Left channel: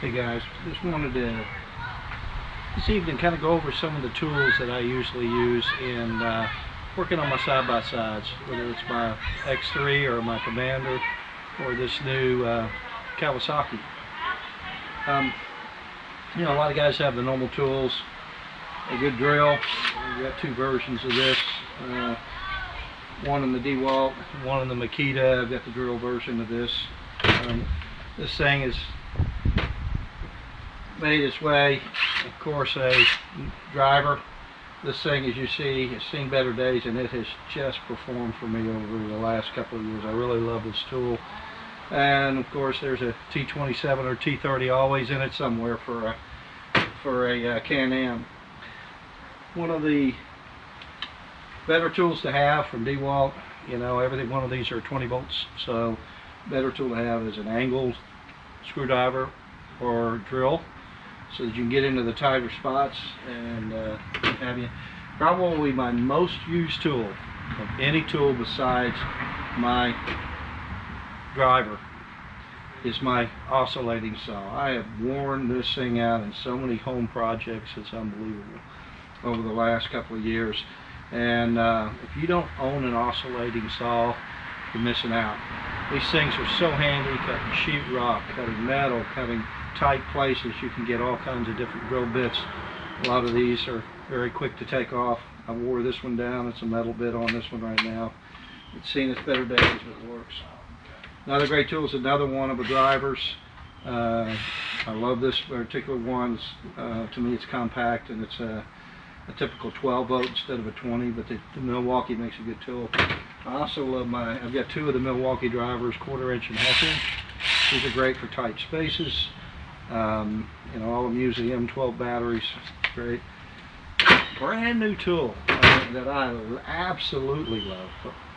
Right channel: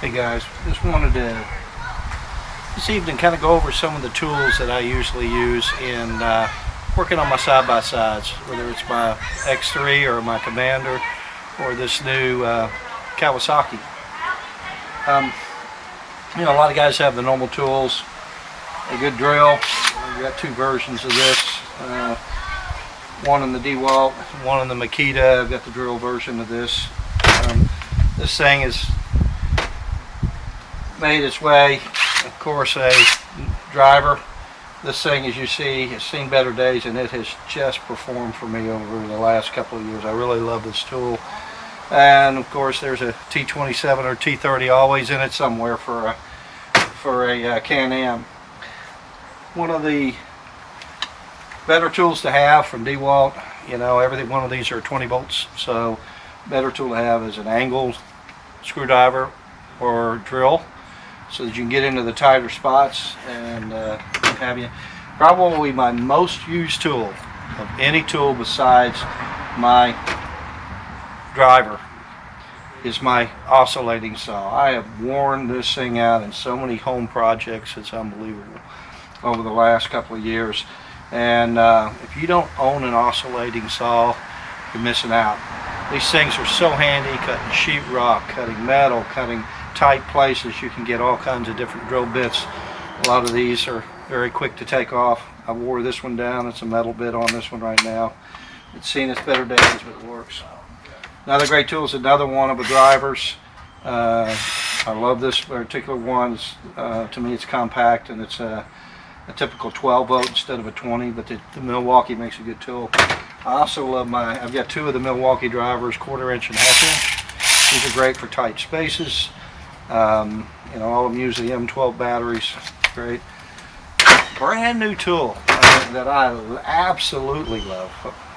Hey guys, just wanted to this evening kind of go over some of the tools that I usually use in working on my side-by-sides, whether it's my X3 or my Commander or this new Kawasaki. You know, a lot of guys have the normal tools, a good drill. We've got two versions of this, one in the DeWalt, one in the Makita. I've got the drill version of this. This thing is made its way, of course, a driver. This thing, as you see, has seen better days, and it has just performed for me over the last couple of years. I really love this tool. And of course, there's a T27 or T30 always in it somewhere for a Can-Am. One of the better tools to have from DeWalt. You know, one of these are 20 volts, so better tool to have is an angled screwdriver or drill, so that you can get into the tighter spots and have you. Probably my most used tool of any tool besides my driver is my oscillating saw. I have worn this thing out in so many home projects, it's unbelievable, over the last couple of years. And if you don't own an oscillating saw, you're missing out. These things are so handy, cutting sheetrock, cutting metal, cutting tight places. You can get all kinds of different drill bits. A lot of these are very quick to take off. I wore this one down. It's a metal bit on this one right now. It's seen its better days, but it works. Another great tool is another one of the drivers. I love this particular one. To me, it's compact, and it's a typical 12 volt instead of a 20, but the Milwaukee makes a good tool. I also love I've got two of the Milwaukee drivers, 1/4 inch and 1/2 inch. These are great for tight spaces. You know, all of them use the M12 batteries. Great. Brand new tool that I absolutely love,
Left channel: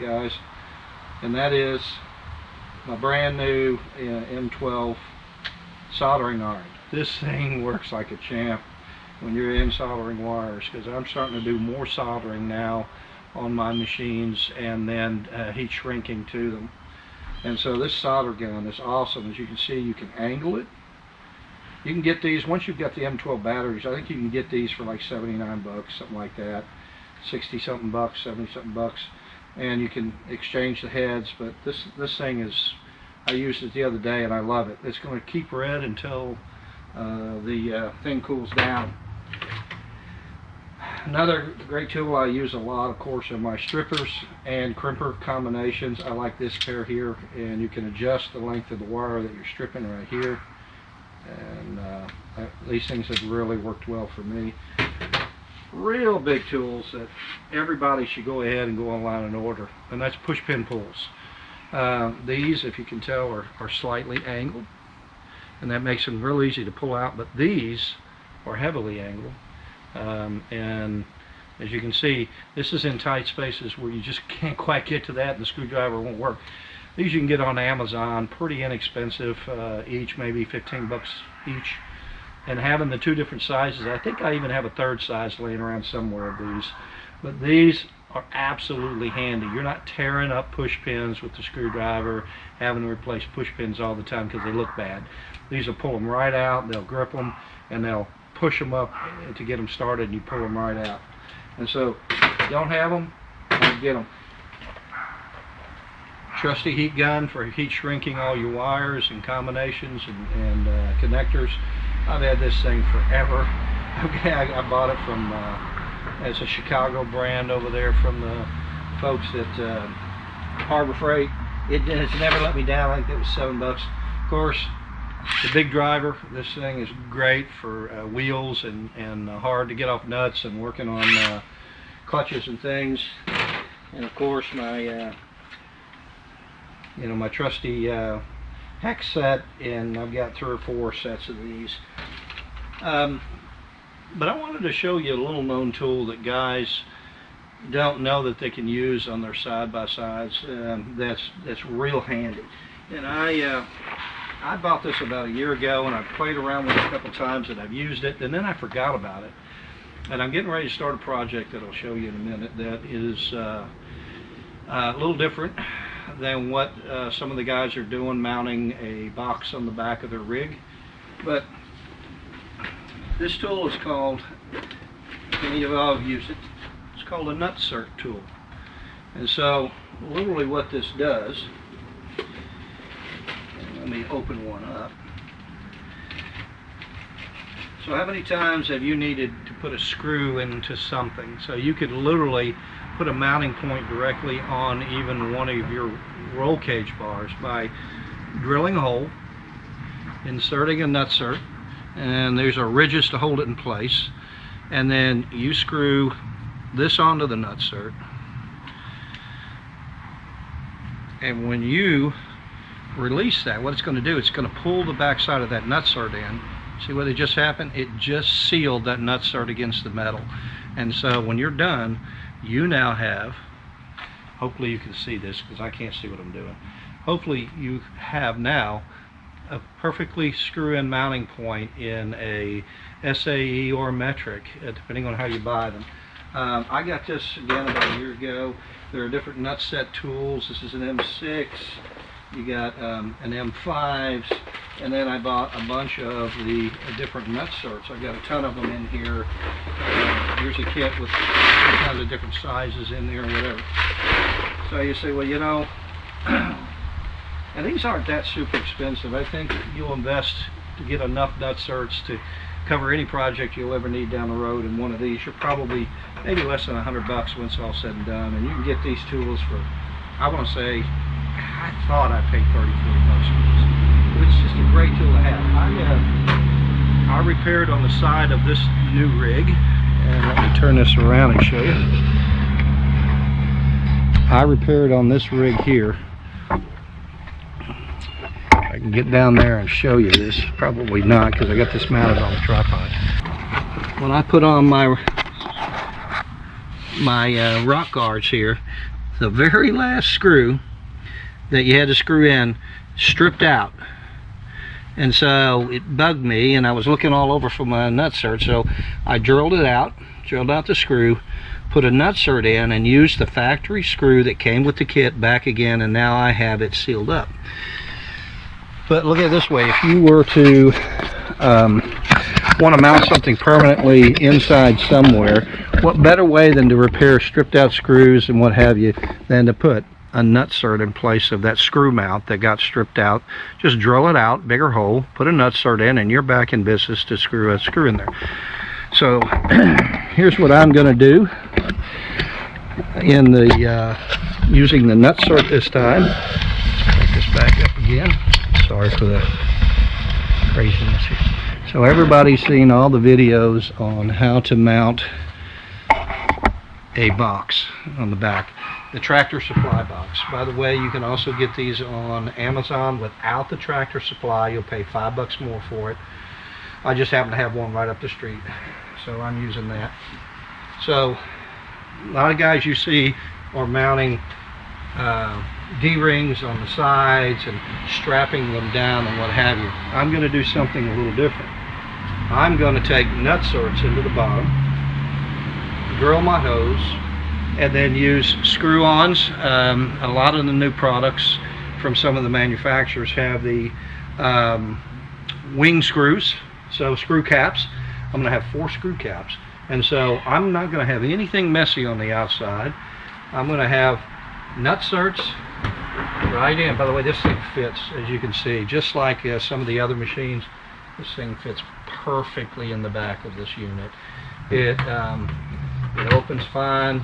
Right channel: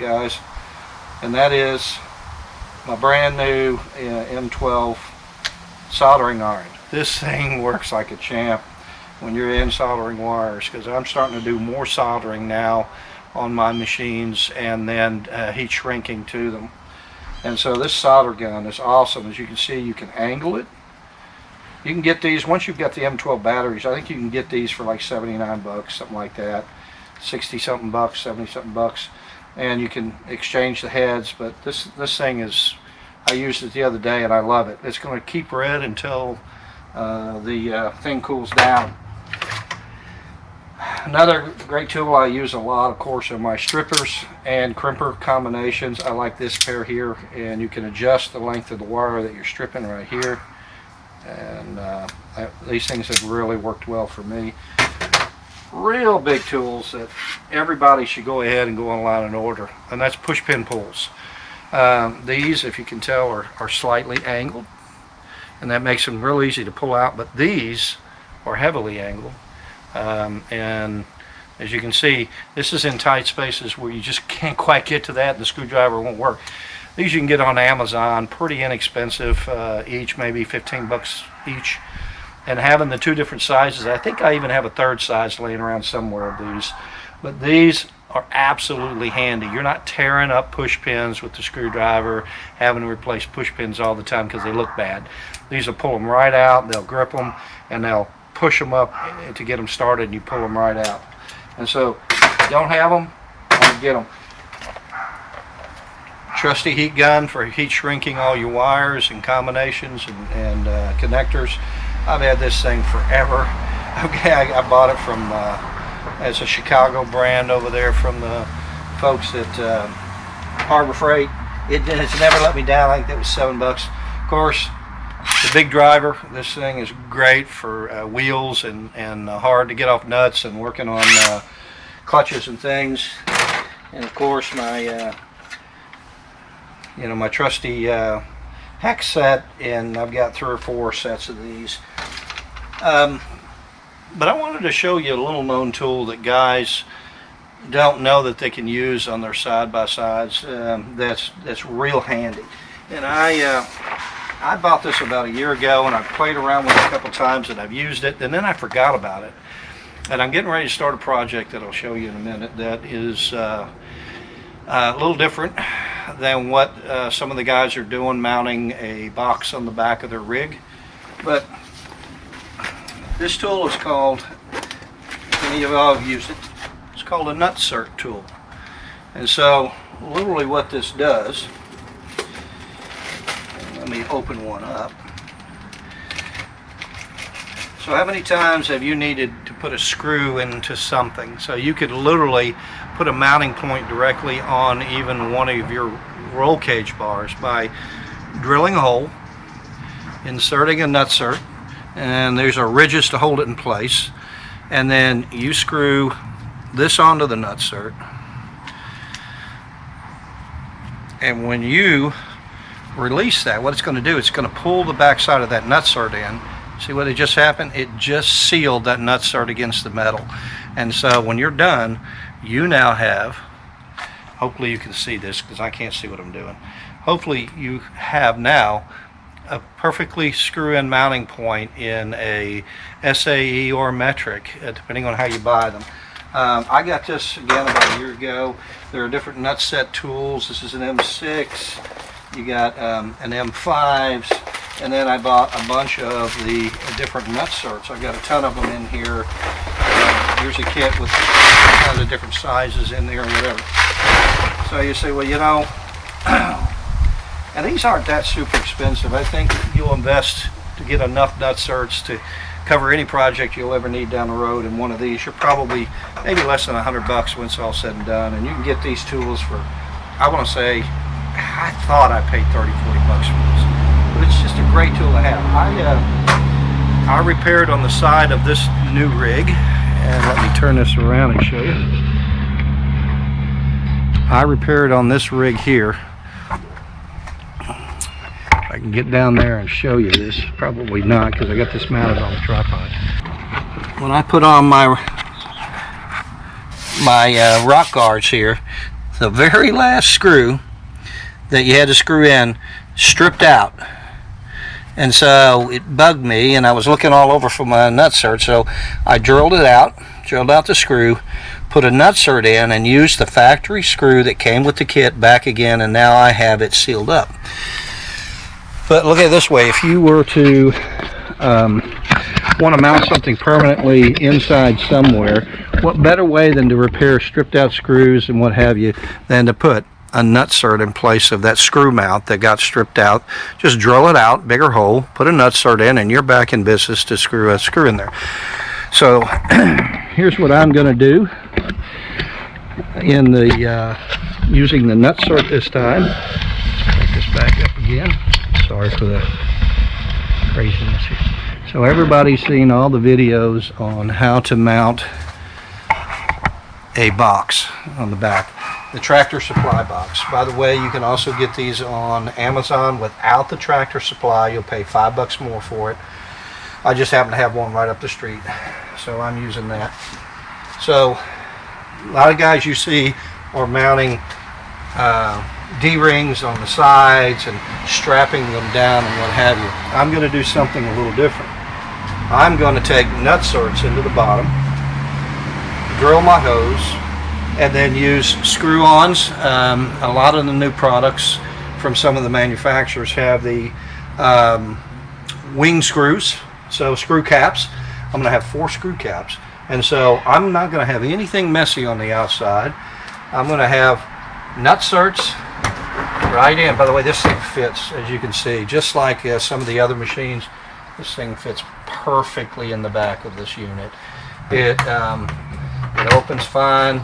guys, and that is my brand new M12 soldering iron. This thing works like a champ when you're in soldering wires, because I'm starting to do more soldering now on my machines and then heat shrinking to them. And so this solder gun is awesome. As you can see, you can angle it. You can get these once you've got the M12 batteries. I think you can get these for like 79 bucks, something like that. 60 something bucks, 70 something bucks, and you can exchange the heads. But this thing is, I used it the other day and I love it. It's going to keep red until the thing cools down. Another great tool I use a lot, of course, are my strippers and crimper combinations. I like this pair here, and you can adjust the length of the wire that you're stripping right here. And these things have really worked well for me. Real big tools that everybody should go ahead and go online and order, and that's push pin pulls. These, if you can tell, are slightly angled, and that makes them real easy to pull out, but these are heavily angled. And as you can see, this is in tight spaces where you just can't quite get to that and the screwdriver won't work. These you can get on Amazon, pretty inexpensive, each maybe 15 bucks each. And having the two different sizes, I think I even have a third size laying around somewhere of these. But these are absolutely handy. You're not tearing up push pins with the screwdriver, having to replace push pins all the time because they look bad. These will pull them right out, they'll grip them, and they'll push them up to get them started, and you pull them right out. And so, if you don't have them, get them. Trusty heat gun for heat shrinking all your wires and combinations and connectors. I've had this thing forever. Okay, I bought it from as a Chicago brand over there from the folks at Harbor Freight. It's never let me down. I think that was 7 bucks. Of course, the big driver. This thing is great for wheels and hard to get off nuts and working on clutches and things. And of course, my my trusty hex set, and I've got 3 or 4 sets of these. But I wanted to show you a little known tool that guys don't know that they can use on their side-by-sides. That's real handy. And I bought this about a year ago, and I've played around with it a couple times, and I've used it, and then I forgot about it. And I'm getting ready to start a project that I'll show you in a minute that is a little different than what some of the guys are doing, mounting a box on the back of their rig. But this tool is called, many of y'all have used it, it's called a nutsert tool. And so literally what this does, let me open one up. So how many times have you needed to put a screw into something? So you could literally put a mounting point directly on even one of your roll cage bars by drilling a hole, inserting a nutsert, and there's a ridges to hold it in place, and then you screw this onto the nutsert, and when you release that, what it's going to do, it's going to pull the back side of that nutsert in. See what it just happened? It just sealed that nutsert against the metal. And so when you're done, you now have, hopefully you can see this because I can't see what I'm doing. Hopefully you have now a perfectly screw-in mounting point in a SAE or metric, depending on how you buy them. I got this again about a year ago. There are different nut set tools. This is an M6. You got an M5s, and then I bought a bunch of the different nutserts. I've got a ton of them in here. Here's a kit with tons of different sizes in there and whatever. So you say, well, you know, and these aren't that super expensive. I think you'll invest to get enough nutserts to cover any project you'll ever need down the road. And one of these, you're probably maybe less than $100 when it's all said and done. And you can get these tools for, I want to say, I thought I paid $30, $40 for this. But it's just a great tool to have. I repaired on the side of this new rig, and let me turn this around and show you. I repaired on this rig here. I can get down there and show you this. Probably not, because I got this mounted on the tripod. When I put on my rock guards here, the very last screw that you had to screw in stripped out, and so it bugged me, and I was looking all over for my nutsert, so I drilled out the screw, put a nutsert in, and used the factory screw that came with the kit back again, and now I have it sealed up. But look at it this way, if you were to want to mount something permanently inside somewhere, what better way than to repair stripped out screws and what have you than to put a nutsert in place of that screw mount that got stripped out. Just drill it out, bigger hole, put a nutsert in, and you're back in business to screw a screw in there. So here's what I'm going to do in the using the nutsert this time. Let's take this back up again. Sorry for the craziness here. So everybody's seen all the videos on how to mount a box on the back. The Tractor Supply box. By the way, you can also get these on Amazon without the Tractor Supply. You'll pay $5 more for it. I just happen to have one right up the street, so I'm using that. So a lot of guys you see are mounting D-rings on the sides and strapping them down and what have you. I'm going to do something a little different. I'm going to take nutserts into the bottom, drill my hose, and then use screw-ons. A lot of the new products from some of the manufacturers have the wing screws, so screw caps. I'm going to have 4 screw caps, and so I'm not going to have anything messy on the outside. I'm going to have nutserts right in. By the way, this thing fits, as you can see, just like some of the other machines. This thing fits perfectly in the back of this unit. It opens fine.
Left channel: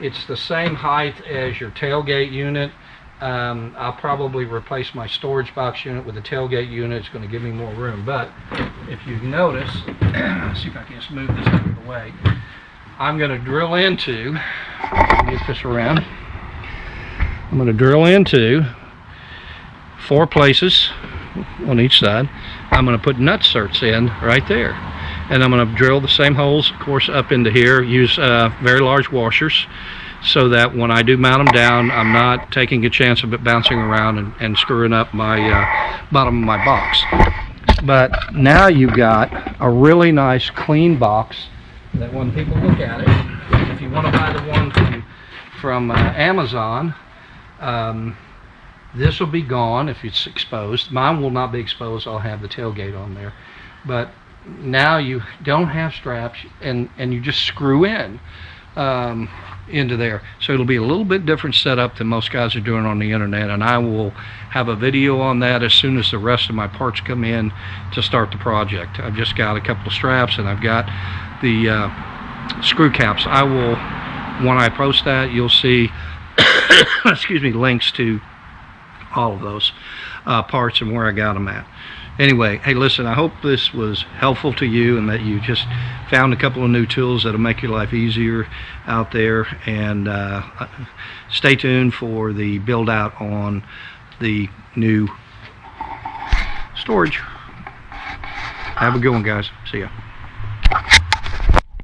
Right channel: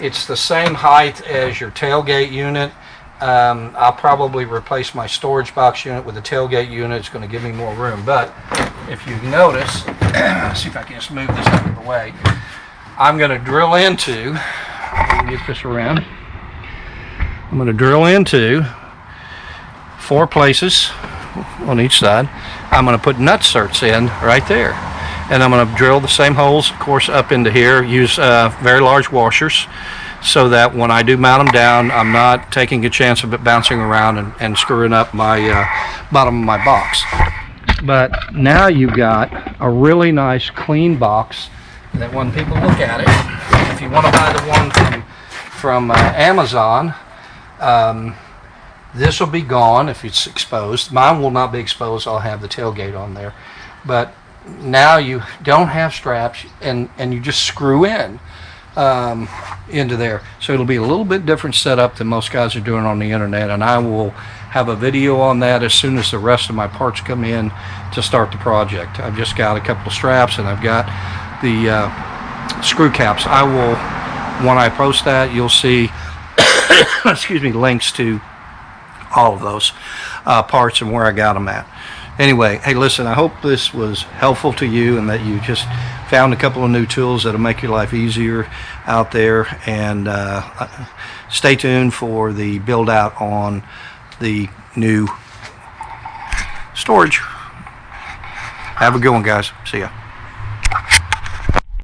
It's the same height as your tailgate unit. I'll probably replace my storage box unit with the tailgate unit. It's going to give me more room. But if you notice, let's see if I can just move this out of the way. I'm going to drill into, let me get this around. I'm going to drill into 4 places on each side. I'm going to put nutserts in right there. And I'm going to drill the same holes, of course, up into here. Use very large washers so that when I do mount them down, I'm not taking a chance of it bouncing around and screwing up my bottom of my box. But now you've got a really nice clean box that when people look at it, if you want to buy the one from Amazon, This will be gone if it's exposed. Mine will not be exposed. I'll have the tailgate on there. But now you don't have straps, and you just screw in into there. So it'll be a little bit different setup than most guys are doing on the internet, and I will have a video on that as soon as the rest of my parts come in to start the project. I've just got a couple of straps, and I've got the screw caps. I will, when I post that, you'll see excuse me, links to all of those parts and where I got them at. Anyway, hey, listen, I hope this was helpful to you and that you just found a couple of new tools that'll make your life easier out there. And stay tuned for the build out on the new storage. Have a good one, guys. See ya.